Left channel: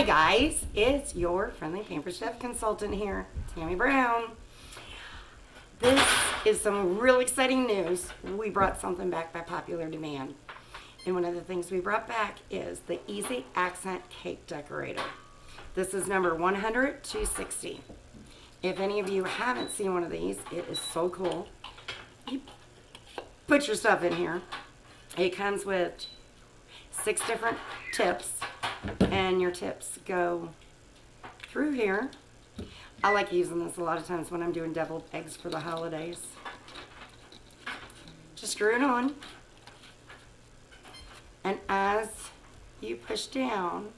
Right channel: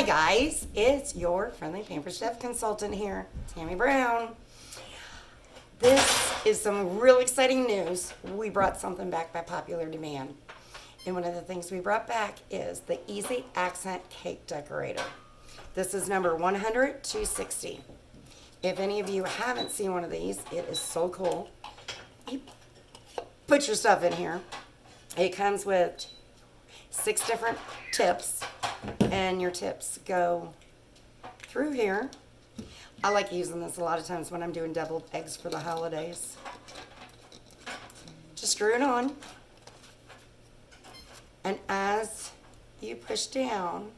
Hi guys, it's your friendly Pampered Chef consultant here, Tammy Brown. This is some real exciting news. We brought something back by popular demand. And one of the things we brought back is the Easy Accent Cake Decorator. This is number 100-260. If any of you haven't seen one of these, it is so cool. You put your stuff in here. It comes with 6 different tips, and your tips go through here. I like using this a lot of times when I'm doing deviled eggs for the holidays. Just screw it on, and as you push down,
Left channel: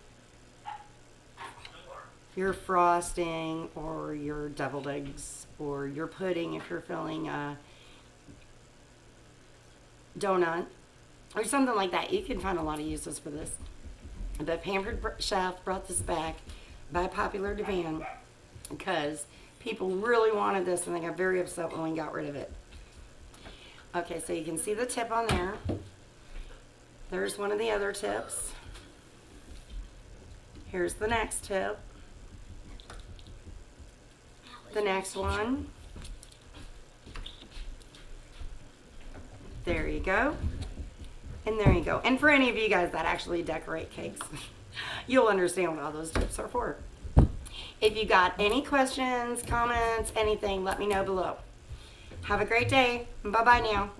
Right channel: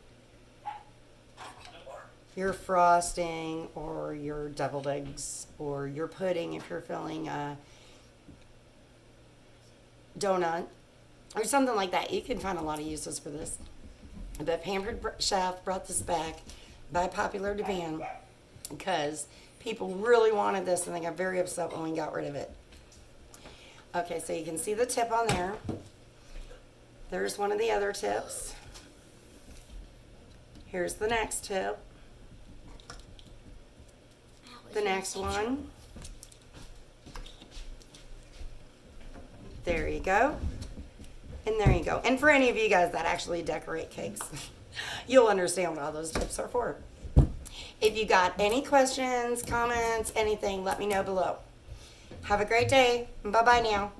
your frosting or your deviled eggs or your pudding, if you're filling a donut or something like that, you can find a lot of uses for this. But Pampered Chef brought this back by popular demand because people really wanted this and they got very upset when we got rid of it. Okay, so you can see the tip on there. There's one of the other tips. Here's the next tip. The next one. There you go. And there you go. And for any of you guys that actually decorate cakes, you'll understand what all those tips are for. If you got any questions, comments, anything, let me know below. Have a great day. Bye-bye now.